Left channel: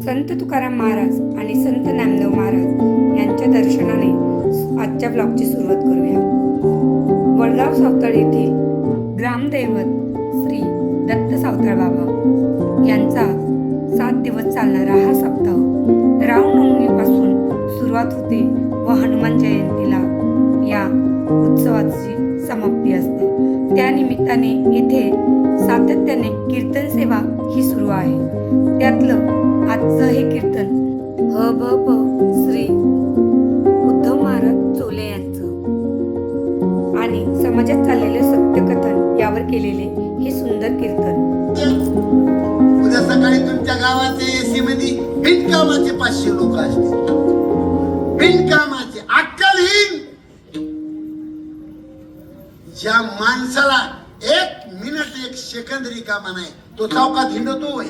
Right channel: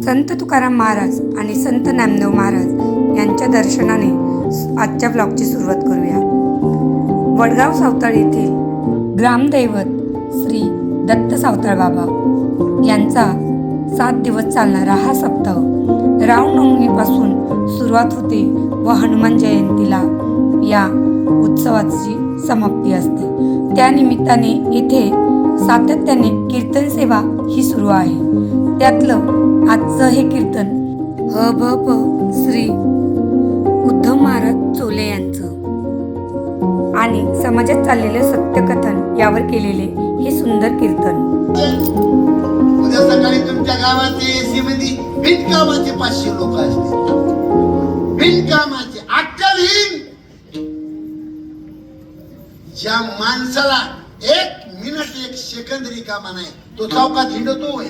संत तुकाराम महाराज आणि संत नामदेव महाराज यांच्या दर्शनाने आजच्या ब्लॉगची सुरुवात करूया. वडगाव सावताळ येथील ग्रामदैवत श्री दत्त सावताळ बाबा यांचा 7 दिवस चालणारा हा सप्ताह रामनवमीपासून सुरुवात होते व हनुमान जयंतीला या उत्सवाची समाप्ती असते. त्यानिमित्ताने येथे सातत्याने कीर्तन सेवा ही सुरू आहे. त्यातलं आजचं हे कीर्तन भ श्री उद्धव महाराज चोले यांचं आणि समाजात चाललेलं सत्यकथन यावर केलेले हे सुंदर कीर्तन. उद्या सकाळी तुमच्या गावाचे एसी मध्ये बिनकामाचे 500 लोक असतील. बिनकामाचे अक्कलहीन ज्या माणसाला 1 मिनिट 1 सेकंद रिकामा नाही तो चौकात हिंडतोय.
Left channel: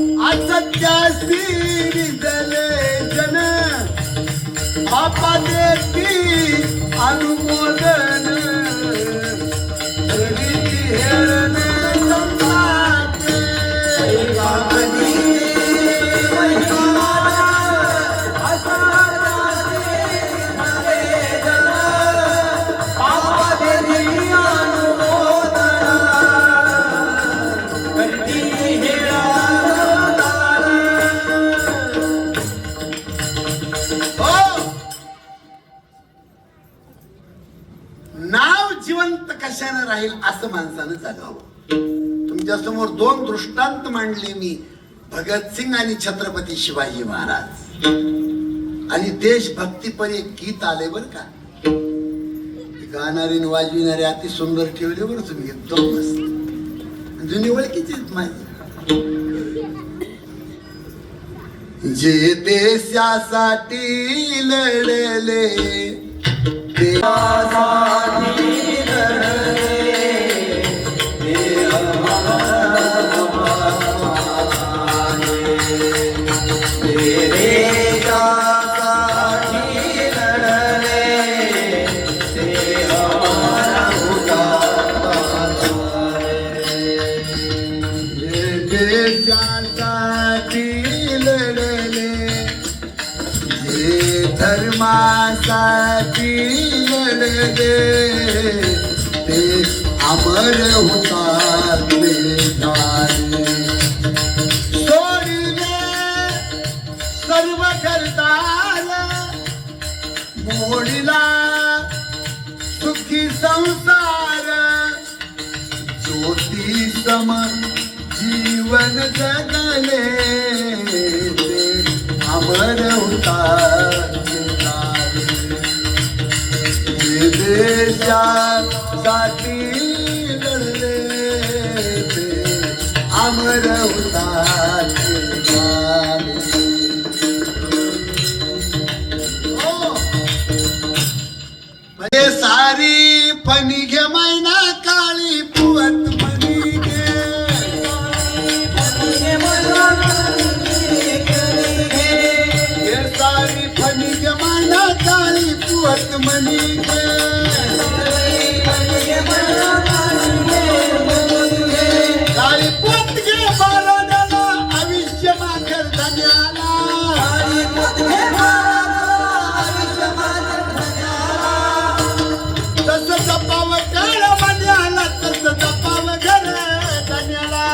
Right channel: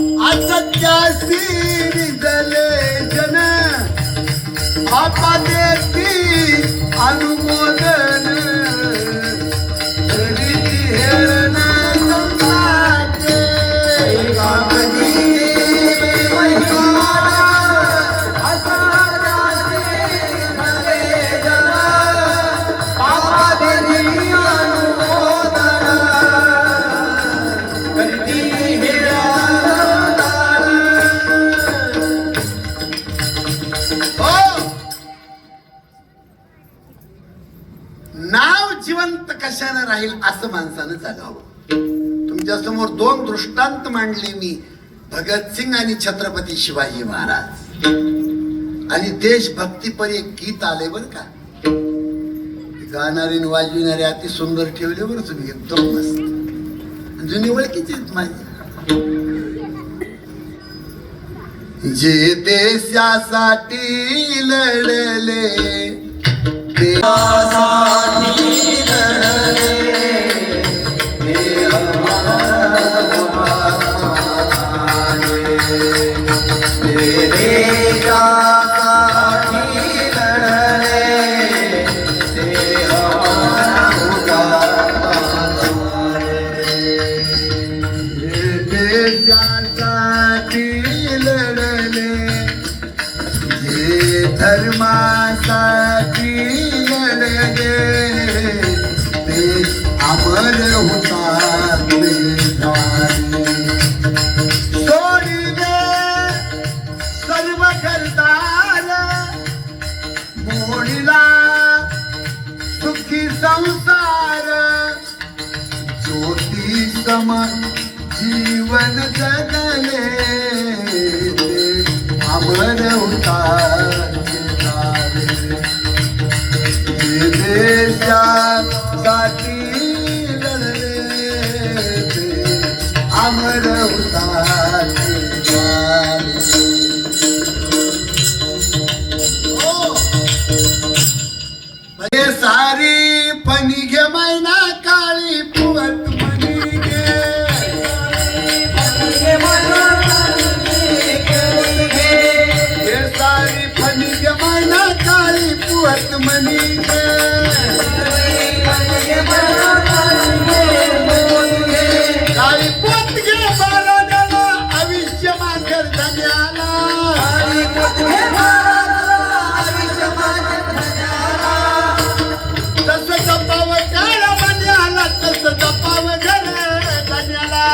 असत्यासी निजले जन बापा देती अनुमोदन हेळन संपाते नाव जिवंत कशाने राहील असं माणसानं जगावं. तुमच्या समोर 2 दृष्टांत मांडले मी, भगतसिंग आणि छत्रपती शिवाजी महाराज. आणि देशभक्तीपर एक गीत आले बर का, गाणारे वाजविणारे अति सुंदर ठेवले बरं तुम्ही, एकदम मस्त. जुनी ओळखीचीच माहिती. जे देशासाठी लढले धर्मासाठी लढले ते अमर हुतात्मे झाले. सोडिले सर्व घरदार मोडीला सुखी संसार. ज्योती सम जीवन जगले ते अमर हुतात्मे. देशासाठी लढले ते अमर हुतात्मे झाले. सारी फणी घे मैना काळी पुवत मणी घे. सारी फणी घे मैना काळी पुवत मणी घे. काळी पोत घे बाराण्याला आयुष्य माखर धन्याला. तसं जपावं काळा बन्याला, तसं जपावं घर धन्याला.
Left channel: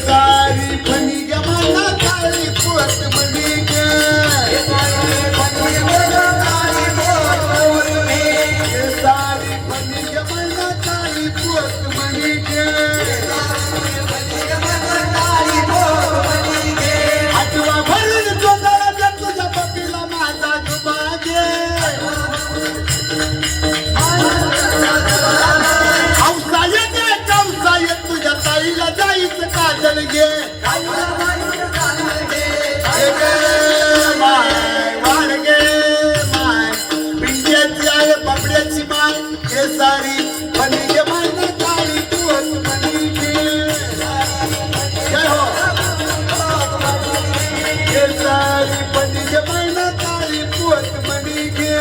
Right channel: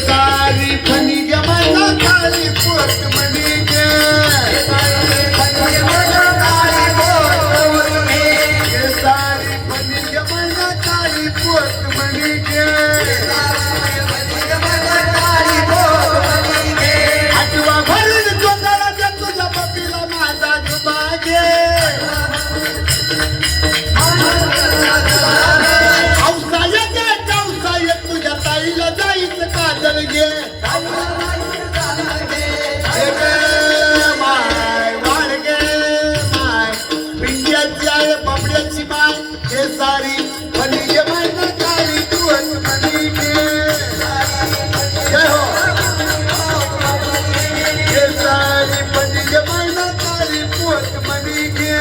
सारी फणी घे मैना काळी पुवत मणी घे. सारी फणी घे मैना काळी पुवत मणी घे. आठवा भरून जोंधळा तुझ्या पतीला माझा जुबागे. हौसा येते चौसा येत तुझ्या ताईला जायचं काजल घे. पिंड्याची आहे बाबड्याची माय. हे सारी फणी घे मैना काळी पुवत मणी घे. हे सारी फणी घे मैना काळी पुवत मणी घे.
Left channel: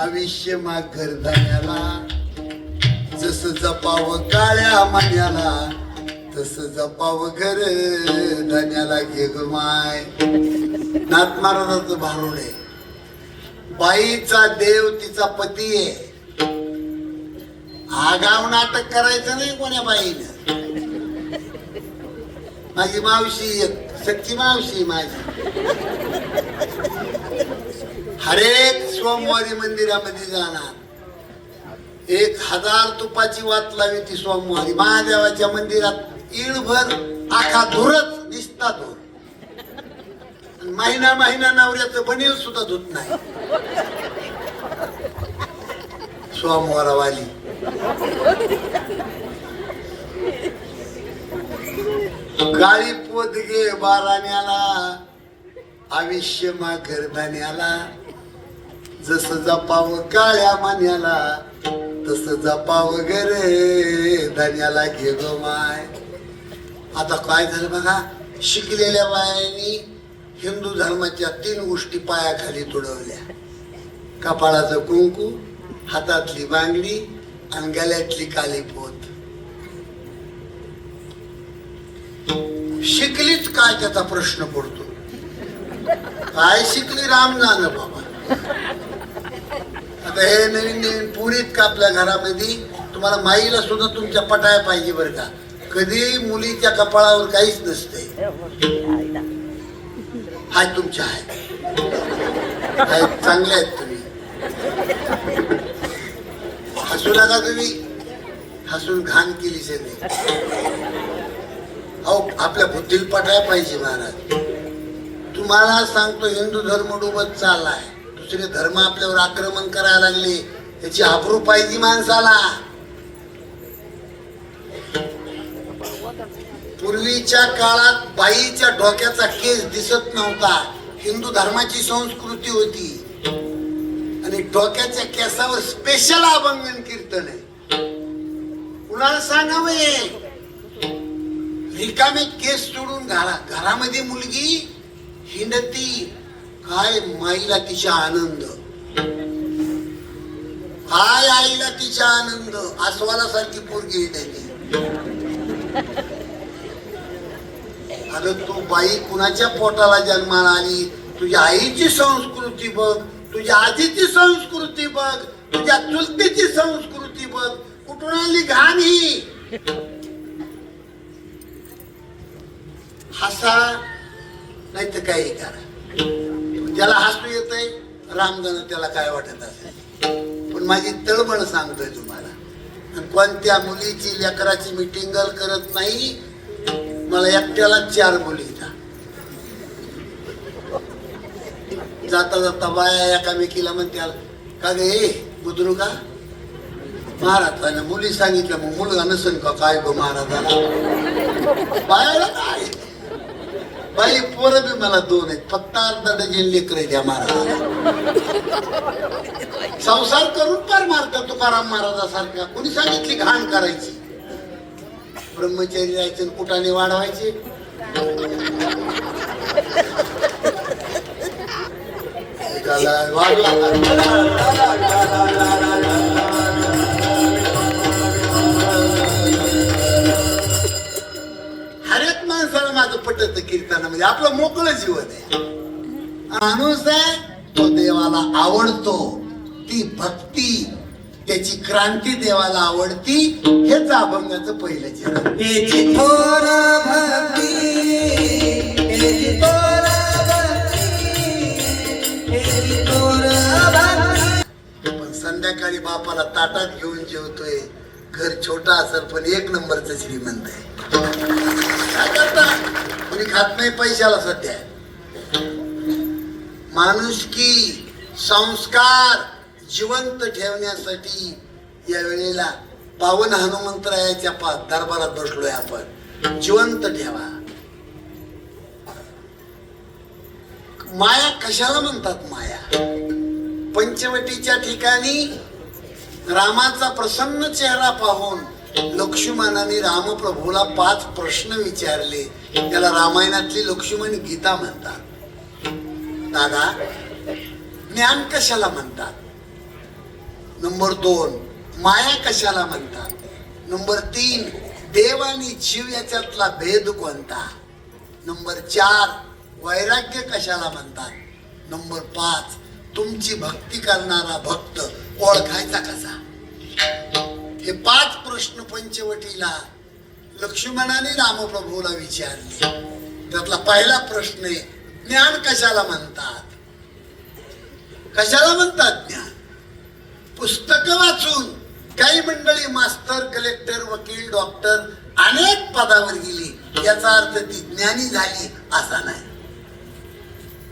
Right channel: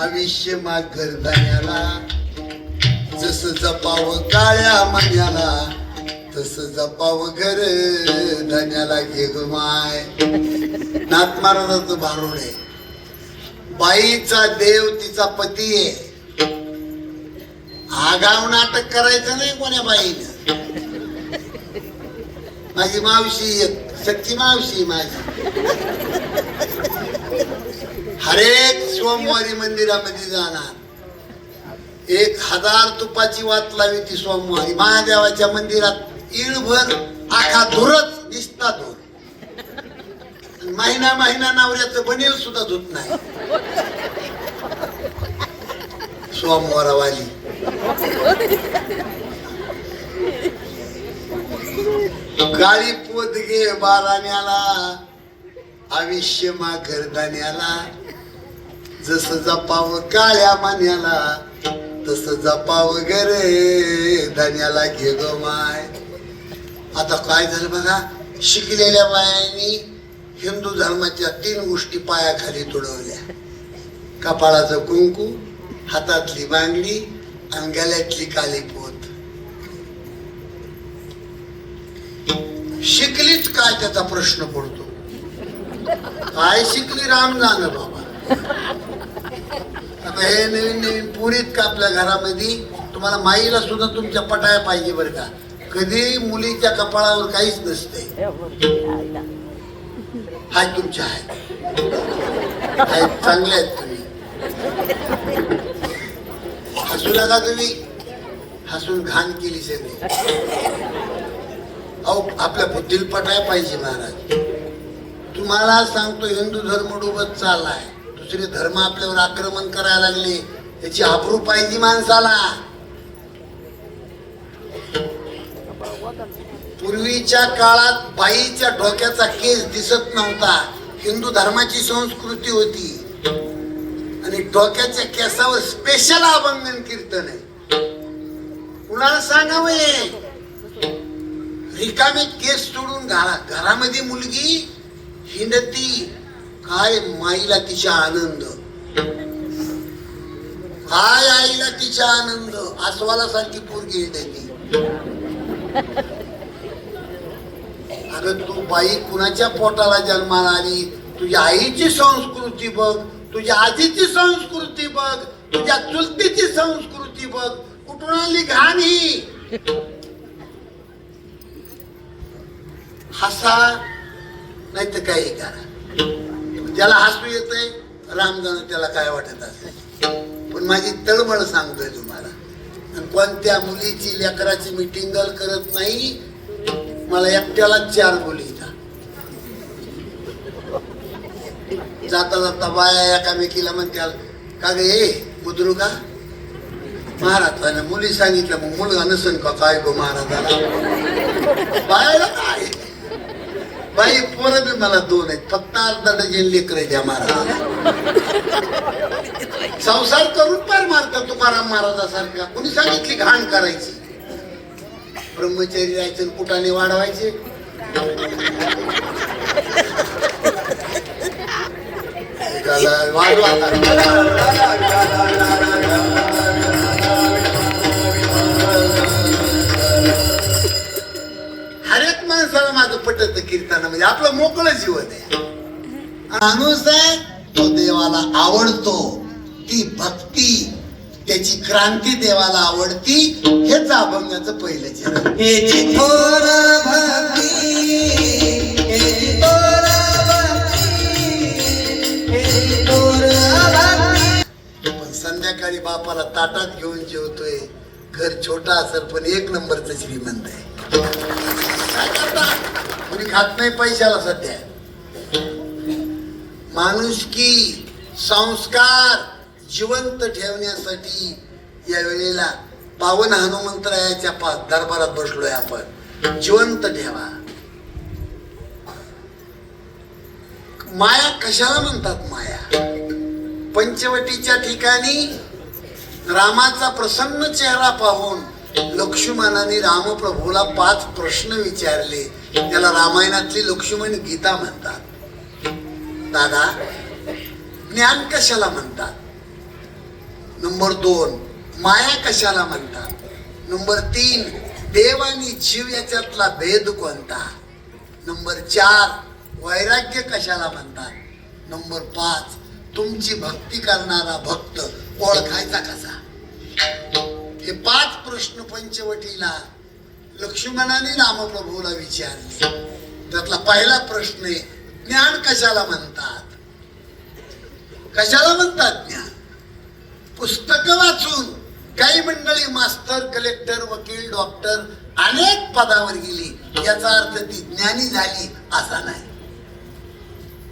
आयुष्य माघर धान्याला, जसं जपावं काळ्या मान्याला, तसं जपावं घर धान्याला घे ग माय. नाथ महाराजाचं भारुड आहे. बाईचा देव तिचा पती आहे. आगाव नाटक करायचं नाही कोण्या बाईनं. माझी मावशी सच्ची मावशी माझी. हरेक सोमवारी मंदिरामध्ये जाणार. 1000 तुपाची वात लावी ती सोमवारी महादेवाच्या मंदिरात. इळभर आखा धुरच दिसता धुर. महिना महिना नवऱ्याचं बनेल सुद्धा धुत नाही. सोमवारवाली गाळी पोत घे बाराण्याला, आयुष्य माघर धान्याला, जसं जपावं काळ्या मान्याला, तसं जपावं घरे धान्याला घे ग माय. आता काय झालं बघा, शिकलेल्या बायांनी हिंदू धर्माच्या 3 गोष्टी पायाखाली तुडवल्या. कपाळाचं कुंकू, हातातली बांगडी आणि गळ्यातली काली पोत. शिकलीच काय त्याचा प्रश्न पडतो. काय शिकली राम जाण बाबा. आता हे नवीन नवीन पुरीत का आपल्या घरामध्ये तुम्हाला माईला सुद्धा तुमच्या पटाया पाहिजे बरं का. कधी मुलीच्या कपाळावर काहीच नसतंय. हाय तुमच्या आहेत चांगले आहेत तुम्ही. हसू नका तुम्ही. हसून घाण केली सगळी. अहो आपल्या बुद्धीला पटाया पाहिजे महाराज. तुम्हाला सांगतो हिंदू धर्म डुबत चाललाय. दुसरे धर्म आपल्यावर आक्रमण करायला लागले. त्याची आबरू पाहिजे माणसाला. पूर्वीच्या काळात बाईच्या डोक्याचा केस दिसत नव्हता. हिंदू धर्माची संस्कृती होती. आणि डोक्याच्या केसावर स्पेशल अभंगन कीर्तन आहे. कुणाला सांगावं हे. रिकामे केस सोडून घरामध्ये मुलगी हिंडती. काय माईला तिचा आनंद, काय आईला तिचा आनंद. आसवाला सारखी पोरगी हिंडती. अगं तू बाई कुणाच्या पोटाला जन्माला आली. तुझ्या आईची संस्कृती बघ, तुझ्या आजीची संस्कृती बघ, तुझ्या चुलतीची संस्कृती बघ. कुठून आली घाण ही. हसा नाही तर काही करा. ज्याला हसू येतंय रामजण त्याला काय वाटत असेल. पण माझी तळमळ सांगतोय तुम्हाला. कोणत्या मुलीची लेकराची मीटिंग करत नाही. मला एकट्याला 4 मुली जाता जाता बाया एकामेकीला म्हणत्या का गे बुद्रू का महाराजांना मुली सांगितलं. मग मुलगा नसेल का काय गो महाराजाला. बायाला काय बाई पोरं बी मला 2 आहेत. फक्त अर्धा डझन लेकरे द्या महाराजाला. संसार करून पार मारतात तुकाराम महाराजासारखा. कोणी सांगितली घाण करायची. ब्रह्मचारी राहायचं कुटाने वाढवायचे. हरेक माणसाला माझं पटत कीर्तनामध्ये. आपलं मोकळं जीवन आहे. माणूस आहे तो देवाला आवडतो. ती भक्ती त्याची क्रांती देवाला आवडती. हेच अभंगाचं पहिलं चरण. पण संध्याकाळी बापाला ताटात घेऊन जेवतोय. घर छोटा असेल पण 1 नंबरचं श्रीमंत आहे. काय करता कोणी खात नाही पैशाला सध्या. माणुसकी संस्कार जिवंत ठेवण्यासाठी या वेळेला पावन हनुमंतरायाच्या दरबारात बसलोय आपण. जिवंत ठेवा. माया कशाला म्हणतात माया. पंचवटीच्या ठिकाणी रामाचा प्रसन्न चेहरा पाहून लक्ष्मणाने रामप्रभूला 5 प्रश्न विचारले. त्याला रामायणातली लक्ष्मण गीता म्हणतात. दादा ज्ञान कशाला म्हणतात. नंबर 2, माया कशाला म्हणतात. नंबर 3, देव आणि जीव याच्यातला भेद कोणता. नंबर 4, वैराग्य कशाला म्हणतात. नंबर 5, तुमची भक्ती करणारा भक्त ओळखायचा कसा. हे 5 प्रश्न पंचवटीला लक्ष्मणाने रामप्रभूला विचारले. त्यातला पहिला प्रश्न आहे, ज्ञान कशाला म्हणतात. कशाला म्हणतात ज्ञान. पुस्तक वाचून काही मंडळी मास्टर, कलेक्टर, वकील, डॉक्टर अनेक पदावर गेली, याचा अर्थ ती ज्ञानी झाली असा नाही.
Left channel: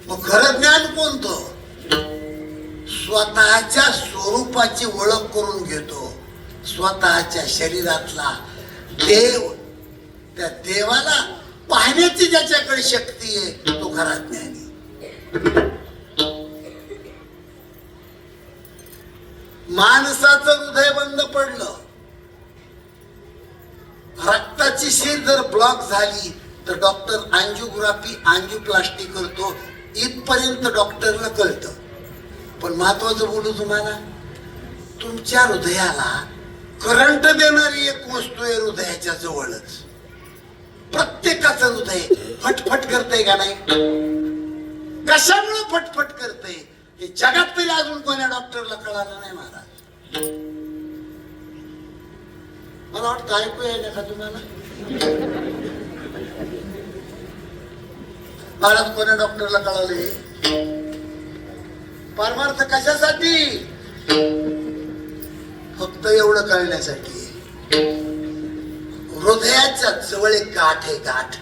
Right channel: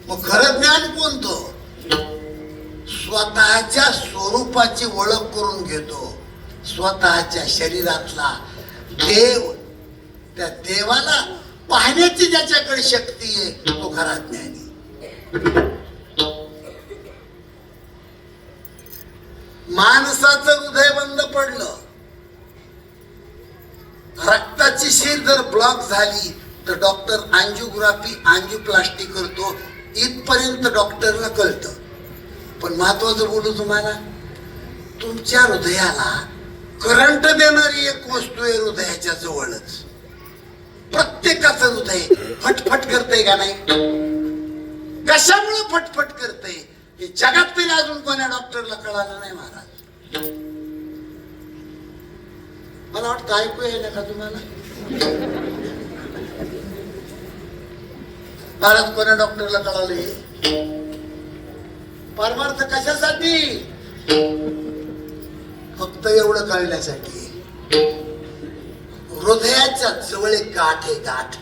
मग खरं ज्ञान कोणतं. स्वतःच्या स्वरूपाची ओळख करून घेतो. स्वतःच्या शरीरातला देव, त्या देवाला पाहण्याची ज्याच्याकडे शक्ती आहे तो खरा ज्ञानी. माणसाचं हृदय बंद पडलं, रक्ताची शीर जर ब्लॉक झाली तर डॉक्टर अँजिओग्राफी, अँजिओप्लास्टी करतो. इथपर्यंत डॉक्टरला कळतं. पण महत्वाचं बोलू तुम्हाला, तुमच्या हृदयाला करंट देणारी एक वस्तू आहे हृदयाच्या जवळच. प्रत्येकाचं हृदय फटफट करतंय का नाही. कशामुळे फटफट करतंय हे जगात तरी अजून कोणा डॉक्टरला कळालं नाही महाराज. मला वाटतं ऐकू आहे का तुम्हाला. महाराज कोणा डॉक्टरला कळाले. परमार्थ कशासाठी. फक्त एवढं कळण्यासाठी हृदयाच्या जवळ एक गाठ आहे. गाठ,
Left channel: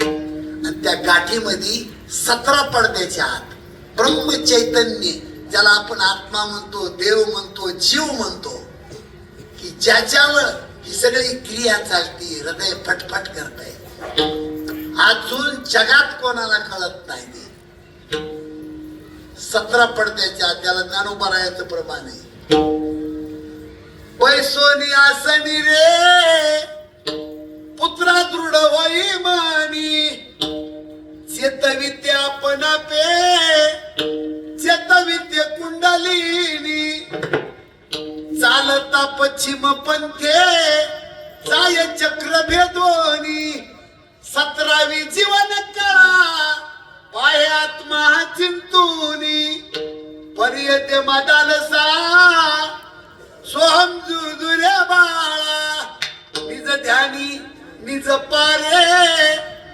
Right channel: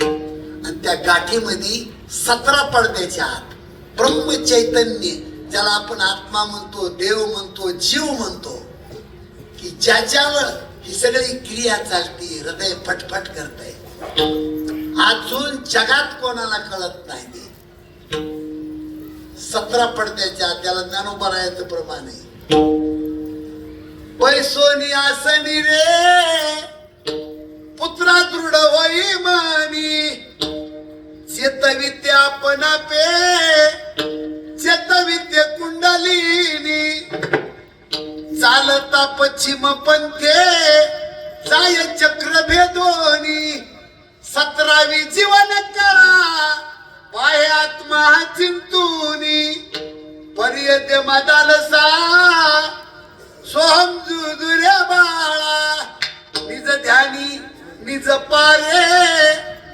आणि त्या गाठीमध्ये 17 पडद्याच्या आत ब्रह्म चैतन्य, ज्याला आपण आत्मा म्हणतो, देव म्हणतो, जीव म्हणतो, की ज्याच्यावर ही सगळी क्रिया चालती. हृदय फटफट करतंय. अजून जगात कोणाला कळत नाही. 17 पडद्याच्या आत, त्याला ज्ञानोबरायाचं प्रमाण आहे. पैसोनी आसनी रे पुत्रा दृढ होई मानी, चेतविद्या आपण पे चेतविद्य कुंडलिनी, चालता पश्चिम पंथे जाय चक्र भेदोनी, 17वी जीवन कळा पाय आत्मा चिंतूनी, पर्यत मदालसा सोहम जुजुऱ्या बाळा, निज ध्यानी निज पारे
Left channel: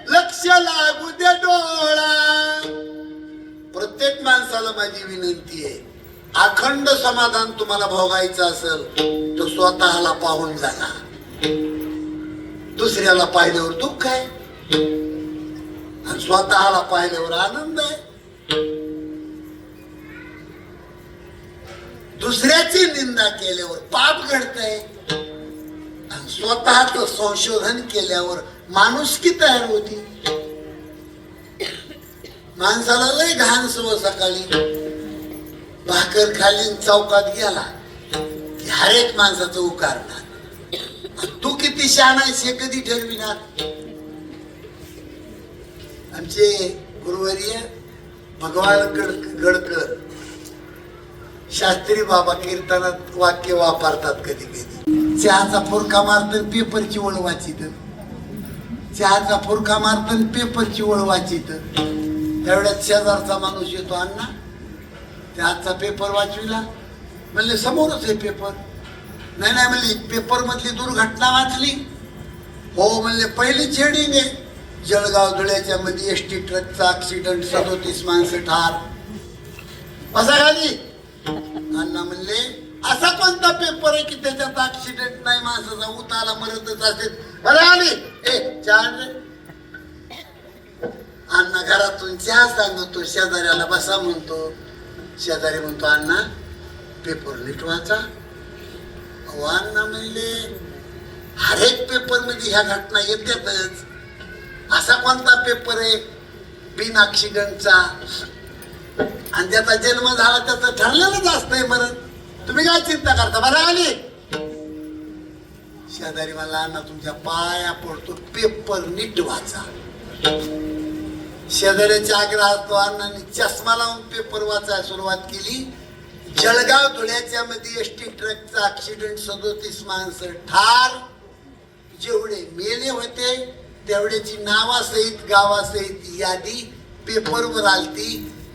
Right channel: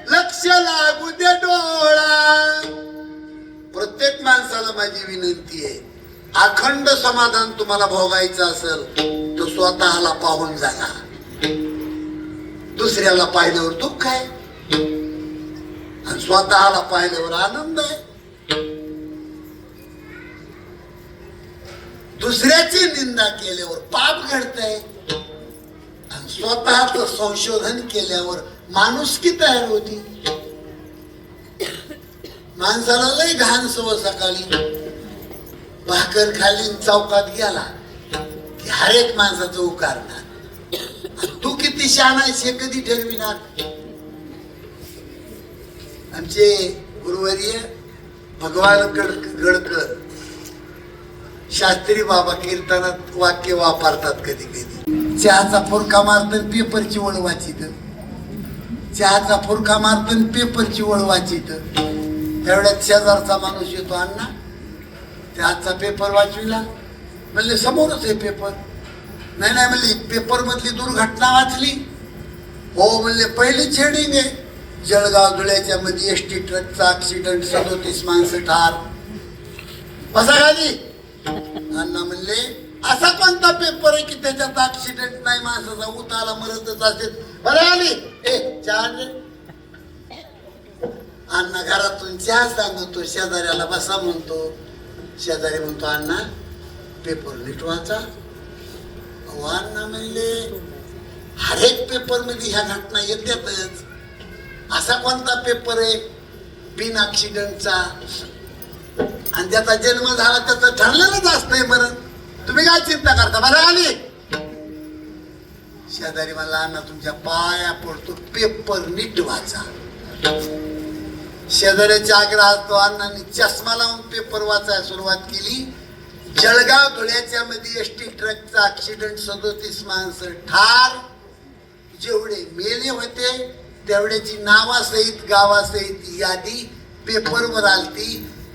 लक्ष लागू दे डोळा. प्रत्येक माणसाला माझी विनंती आहे, अखंड समाधान तुम्हाला भोगायचं असेल तर स्वतःला पाहून जागा. दुसऱ्याला पाहिल्यावर दुःख आहे आणि स्वतःला पाहिल्यावर आनंद आहे. दुसऱ्याची निंदा केल्यावर पाप घडतंय आणि स्वतःच संशोधन केल्यावर माणुसकी तयार होती. माणसाला लय घाण सवय, सकाळी भाकर खाली चौकात गेला की हर एक माणसाचं उकारणार. तू किती शहाणा आहेस हे कधी ठरविणार. आमचे गुरुवर्य भगवान गडकर शास्त्री बाबा कीर्तनात वाक्य वापरतात. कधी कधी चहाचा फुरका मारतात पेपरची ओळ वाचित. चहाचा फुरका मारतात पेपरची ओळ वाचित. एवढ्यात शेजारचा माणूस येतो, अण्णा चहाचा पेपर वाचविला. म्हणले समोरच आहे पेपर. नाही नाही म्हणले पेपर मधली दुर्घटना वाचली. हो म्हणले पहिली हेडिंग आहे, जळगाव धुळ्याच्या मध्ये एसटी ट्रकचा ऍक्सिडेंट, 37 माणसं ठार. बसा खाली. अण्णा म्हणले असा कोणता पेपर आहे की त्याच्यात ऍक्सिडेंट नाही, माणसाचा उताला मरतच असेल. बरं आली चहा. अण्णा घरातून चहा सांगतो, शेजाऱ्याला बसा म्हणतो. शेजारी म्हणतो अण्णा पेपर नीट वाचा. अण्णा म्हणले हर एक पेपर मध्ये ह्या घटना येतातच. असा कोणता पेपर आहे बिन ऍक्सिडेंटचा आणि ज्याचा जन्म झाला त्याचं ठरलेलंच असतंय मरण. तुम्ही काय चिंता करता. बरं आली. शेजारी मला अण्णा तुमच्या पाया पडतो पेपर नीट वाचा. शेजाऱ्याच्या आग्रहात तो अण्णांनी चष्मा लावून पेपर वाचायला सुरुवात केली. जळगाव धुळ्याच्या मध्ये एसटी ट्रकचा ऍक्सिडेंट 37 माणसं ठार. जेवढे मेले होते तेवढ्याची नावासहित गावासहित यादी पेपरवर आलती.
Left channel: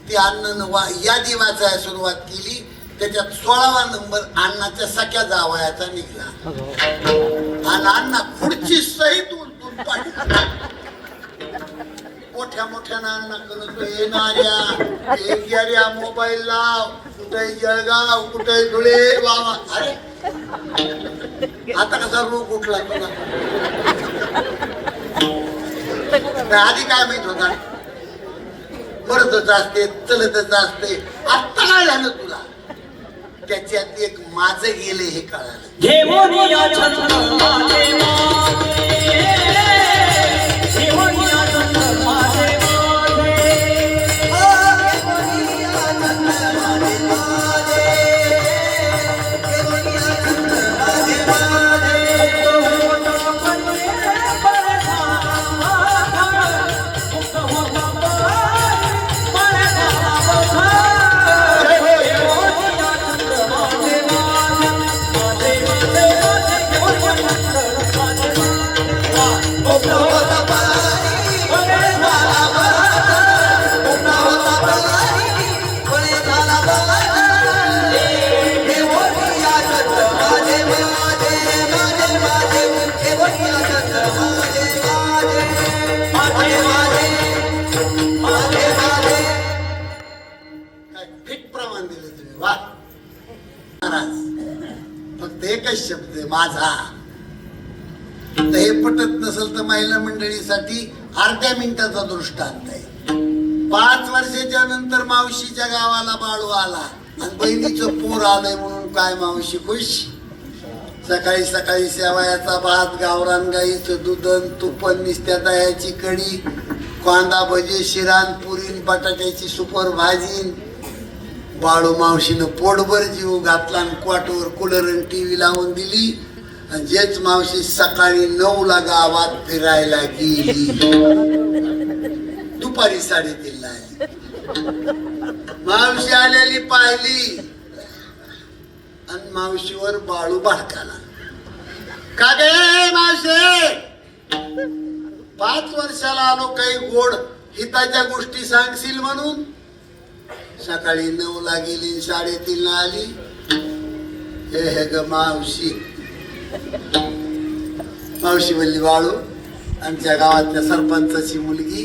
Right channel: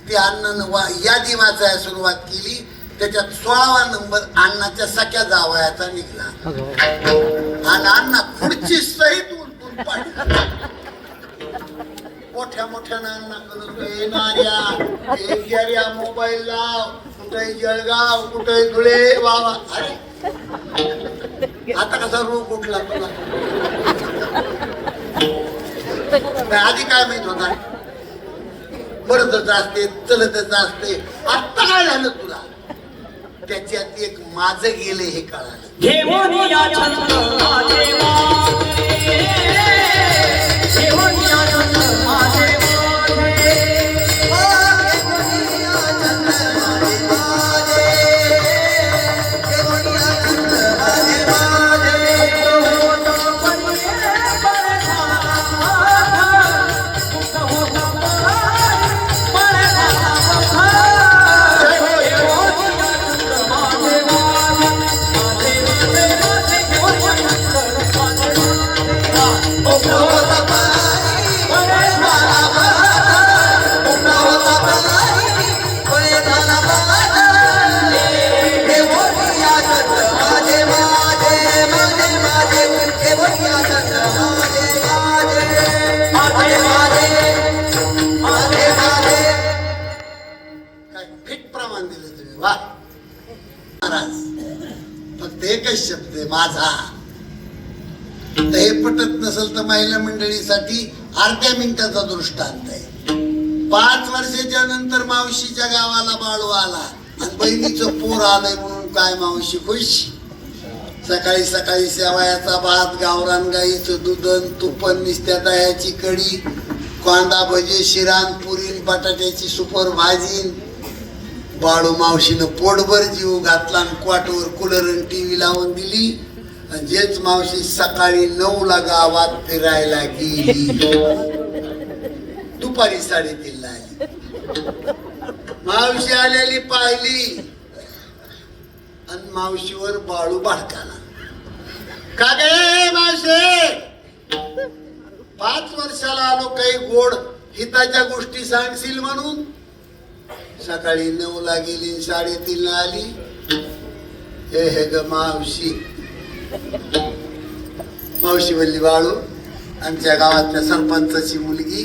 ती अण्णानं यादी वाचायला सुरुवात केली. त्याच्यात 16वा नंबर अण्णाच्या सख्या जावयाचा निघला आणि अण्णा पुढची सहित उलटून पाडली. मोठ्या मोठ्यानं अण्णा येणाऱ्या मोबाईल लाव, कुठे जळगाव कुठे धुळे बाबा. अरे आता कसा रोग उठला तुला? आधी काय माहित होता? मरतच असते चलतच असते. आता काय झालं तुला? त्याच्यात एक माझं गेले हे कळालं. फक्त एकच शब्द आहे माझा. हे पटत नसेल तर महिला मंडळीसाठी अर्ध्या मिनिटाचा दृष्टांत आहे. 5 वर्षाच्या नंतर मावशीच्या गावाला बाळू आला आणि बहिणीचं पोर आलंय म्हणून काय मावशी खुश. सकाळी सकाळी शेवयाचा भात, गावरान गाईचं दूध, तुपन, निस्त्या दह्याची कढी, कांदा भजे, शिरान, पुरी, बटाट्याची सुपर भाजी. बाळू मावशीनं पोटभर जीव घातला आणि क्वाटवर कूलर आणि टीव्ही लावून दिली. आणि जेच मावशी सकाळी 9ला गावात फिरायला गेली, दुपारी 3:30ला मावशी आलेली पाहिली आणि मावशीवर बाळू भडकाला. का गे मावशी, 5 वर्षाला आलो, काही गोड हिताच्या गोष्टी सांगशील म्हणून. सकाळी 9ला गेली, 3:30ला आली. हे ग मावशी. मावशी म्हणली बाळू, आमच्या गावातल्या सरपंचाची मुलगी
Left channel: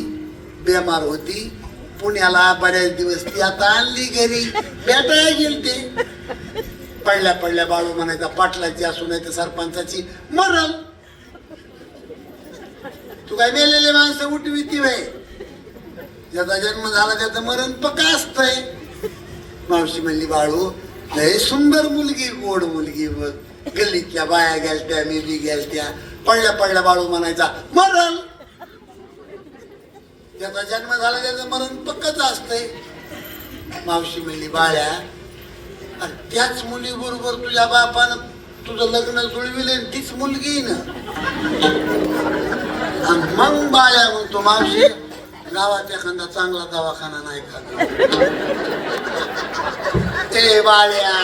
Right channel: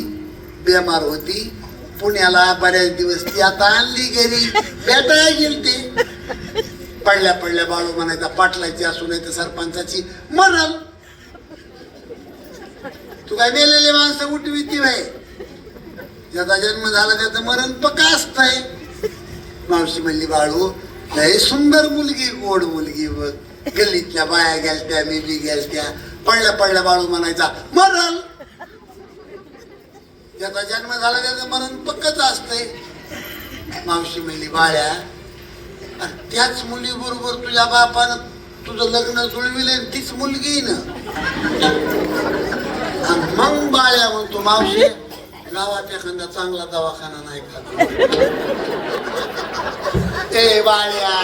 बेमार होती पुण्याला बऱ्याच दिवस, ती आता आणली घरी, भेटायला गेलती. पडल्या पडल्या बाळू म्हणायचा पाटलाची असू नाही तर सरपंचाची मरण. तू काय मेलेले माणसं उठविती व्हाय? ज्याचा जन्म झाला त्याचं मरण पक्का असतंय. मावशी म्हणली बाळू, लय सुंदर मुलगी, गोड मुलगी बघ. गल्लीतल्या बाया गेलत्या, मेली गेलत्या. पडल्या पडल्या बाळू म्हणायचा मरण. ज्याचा जन्म झाला त्याचं मरण पक्कच असतंय. मावशी म्हणली बाळ्या, त्याच मुली बरोबर तुझ्या बापानं तुझं लग्न जुळविलं, तीच मुलगी ना. आणि मग बाळ्या म्हणतो मावशी, गावात एखादा चांगला दवाखाना नाही का? ए बाळ्या,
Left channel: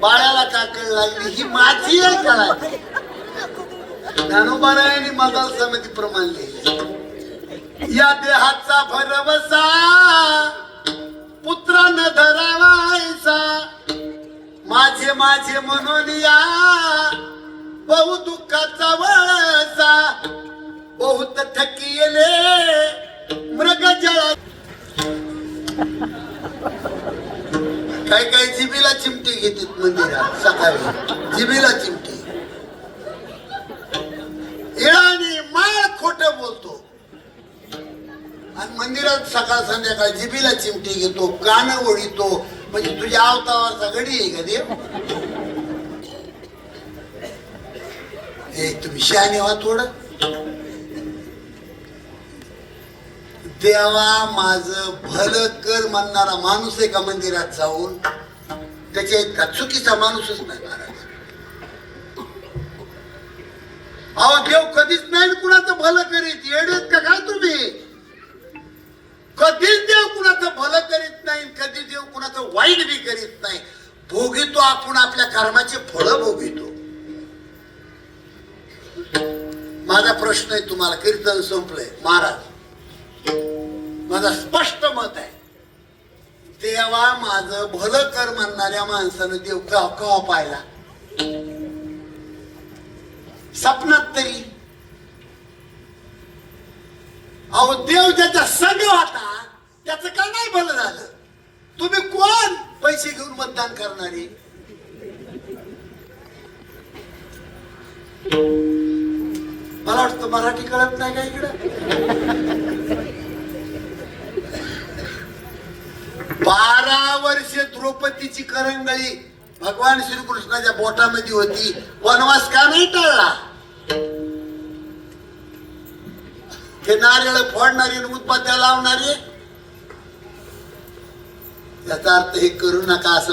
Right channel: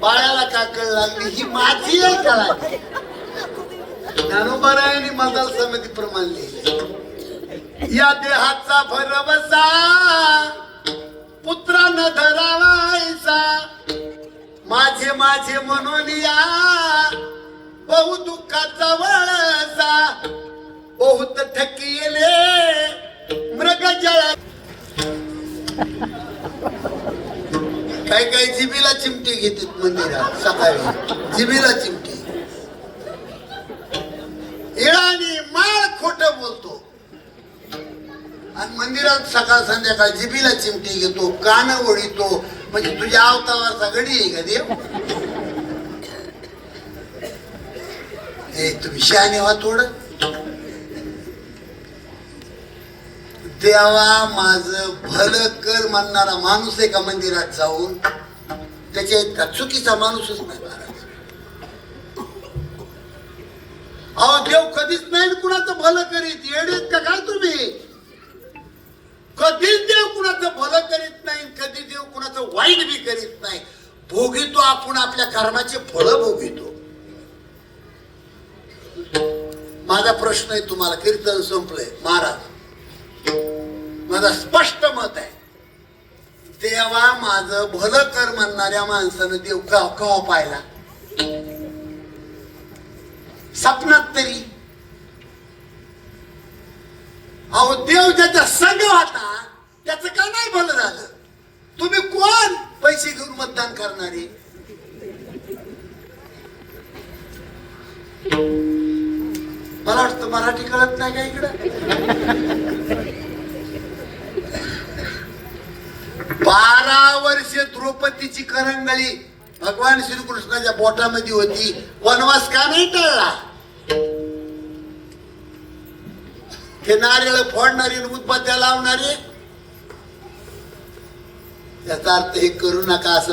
बाळ्याला का कळ लागली? ही माझी कळा. ज्ञानोबारायांनी मदल समिती प्रमाण लिहिले, या देहाचा भरवसा पुत्रानं धरावायचा. माझे माझे म्हणून या बहु दुःखाचा वळसा. बहुत थकिले मृग जळा. काही काही जिबीला चिमटी घेतात मंदिरात सकाळी, जिबीला चिमटी. येळाने माळ खोट बोलतो आणि मंदिरात सकाळ संध्याकाळ जिबीला चिमटी घेतो, कान ओढितो. म्हणजे तुझ्या अवताराचा गडी आहे का देव? हे तुम्ही शहाणे व्हा थोडं. देवा माझं भलं कर म्हणणारा माणूस आहे का मंदिरात जाऊन? त्याच्या इतका चुकीचा माणूसच नाही महाराज. अहो देव कधीच नाही कुणाचं भलं करीत. येडीत का काय तुम्ही? कधीच देव कुणाचं भलं करीत नाही, कधी देव कुणाचं वाईट बी करीत नाही. भोगितो आपण आपल्या कर्माचे फळ भोगितो. माझा प्रश्न आहे तुम्हाला, कीर्तन संपलंय महाराज, माझा स्पष्ट मत आहे, देवा माझं भलं कर म्हणणाऱ्या माणसानं देव का पाहिला सपनात तरी? अहो देव ज्याच्या संग होता त्याचं का नाही भलं झालं? तुम्ही कोण पैसे घेऊन मतदान करणारे? मला वाटतं मराठी कळत नाही का इकडं? 12 वर्षे द्रौपदीची करंगळी भगवान श्रीकृष्णाच्या बोटामध्ये होती, वनवास का नाही टळला? ते नारळ फोडणारे, उदबत्त्या लावणारे, याचा अर्थ हे करू नका असं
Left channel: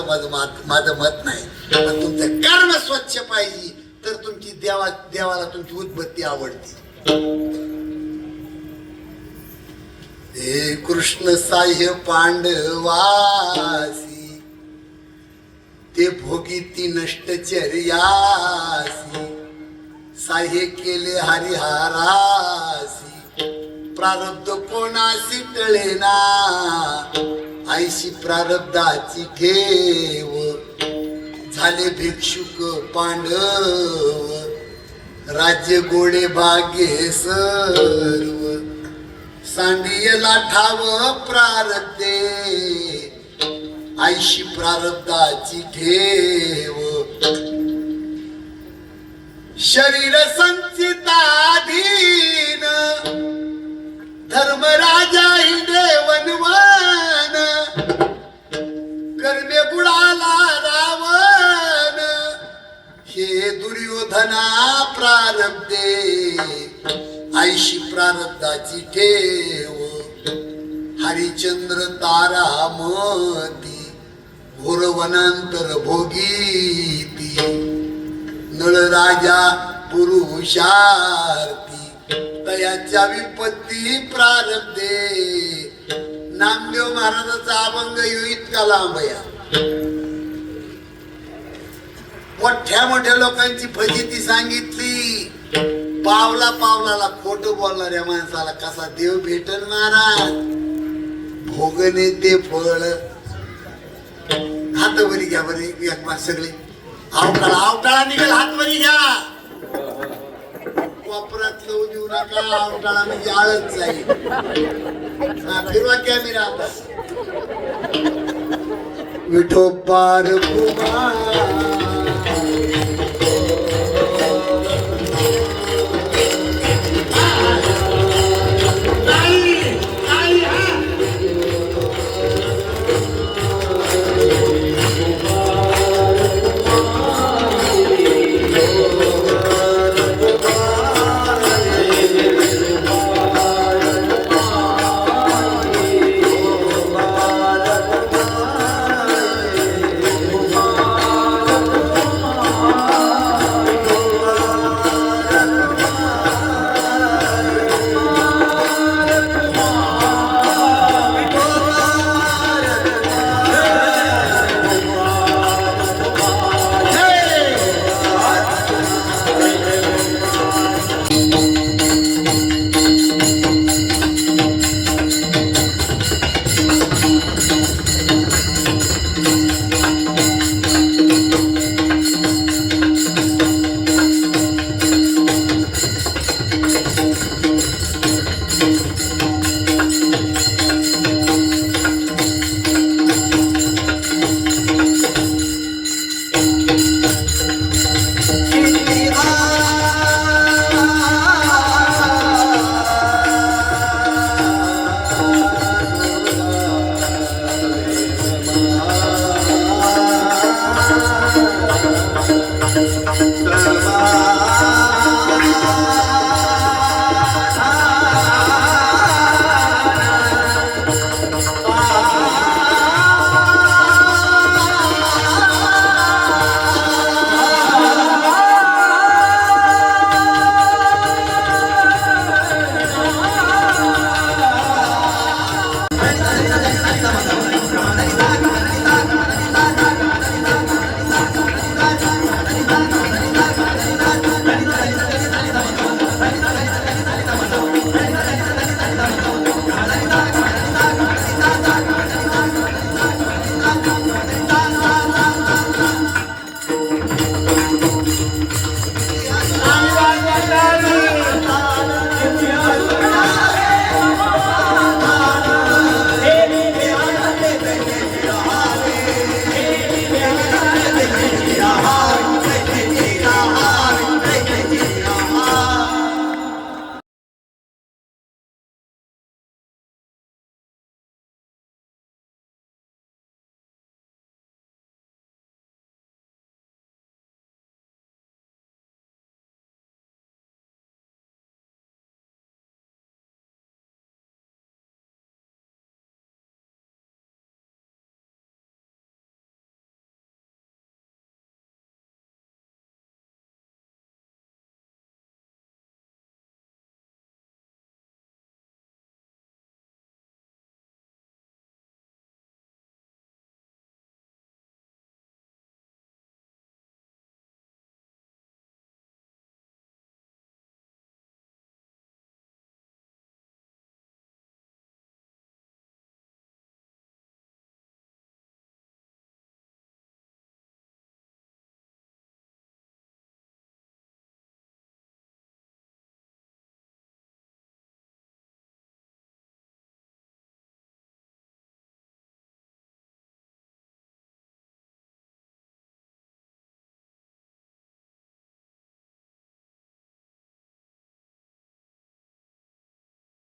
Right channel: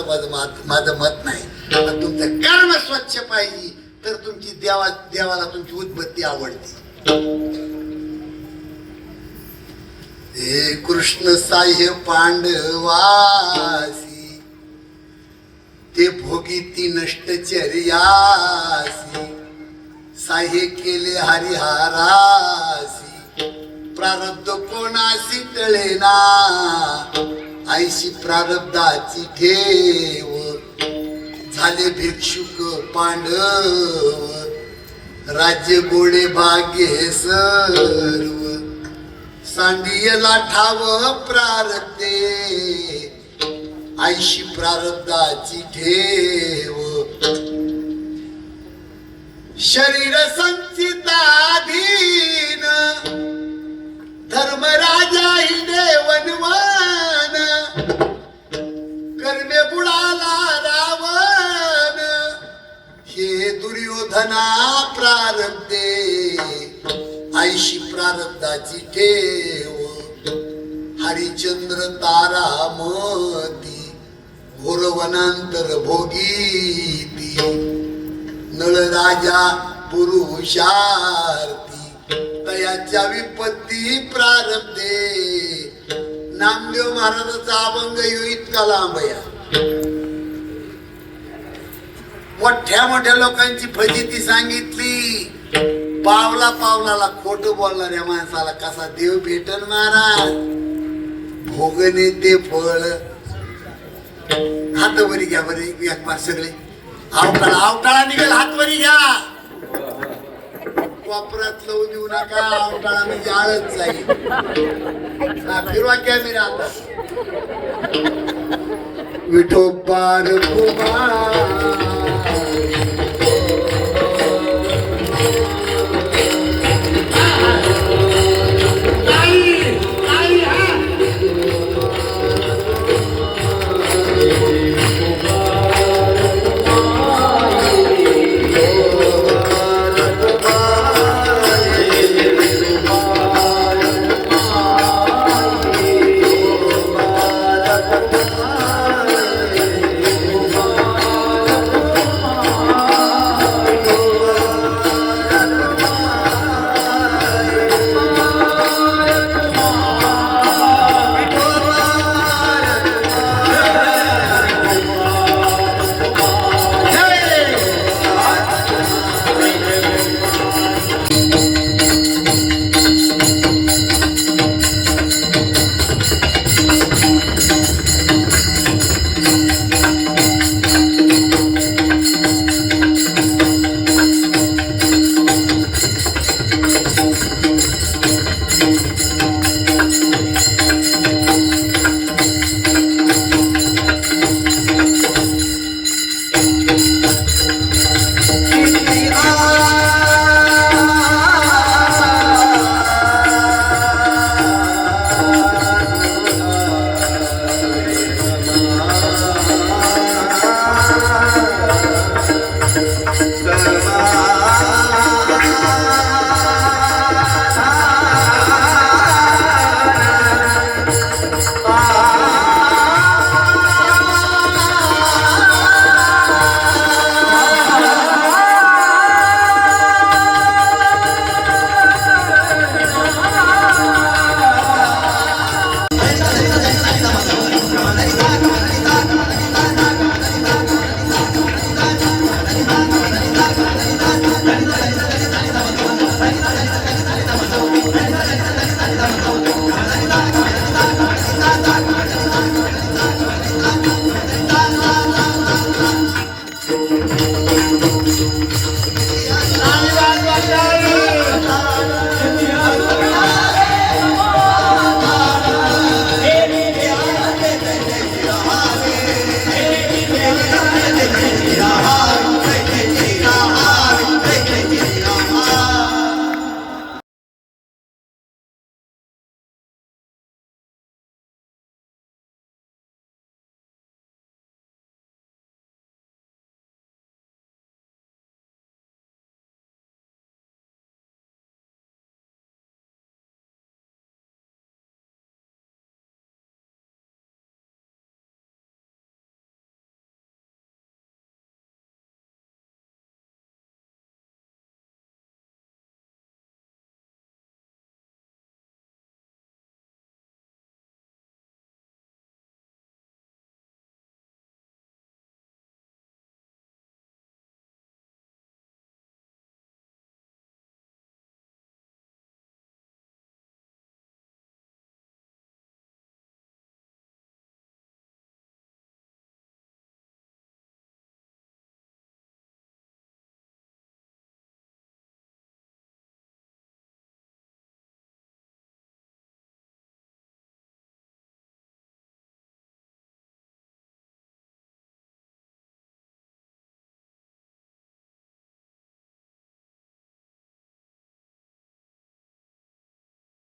माझं मत नाही. पण तुमचं कर्म स्वच्छ पाहिजे तर तुमची देवाला तुमची उदबत्ती आवडते. हे कृष्ण साह्य पांडवासी ते भोगीती नष्टचर्यासी, साह्य केले हरिहारासी, प्रारब्ध कोणासी टळेना, ऐशी प्रारब्धाची ठेव, झाले भिक्षुक पांडव, राज्य गोडे भाग्ये सर्व, सांडियला ठाव प्रारब्धे, ऐशी प्रारब्धाची ठेव, शरीर संचिताधीन, धर्मराजा हिंडे वनवन, कर्मे बुडाला रावण, हे दुर्योधना प्रारब्धे, ऐशी प्रारब्धाची ठेव, हरिचंद्र तारामती, घोरवनांतर भोगीती, नळराजा पुरुषार्थी, तयाच्या विपत्ती प्रारब्धे. नामदेव महाराजाचा अभंग इतका लांब आहे. मोठ्या मोठ्या लोकांची फजिती सांगितली, पावला पावलाला खोट बोलणाऱ्या माणसाला कसा देव भेटल महाराज? भोगणे ते फळ. हात वरी घ्या बरे एक पाच सगळे, आवटाळा निघेल, हात वरी घ्या. वापरात लवू देऊ नका, आवटाळा म्हणजे आळत जाईल. फिरवा कॅमेरा आता. विठोबार कुमार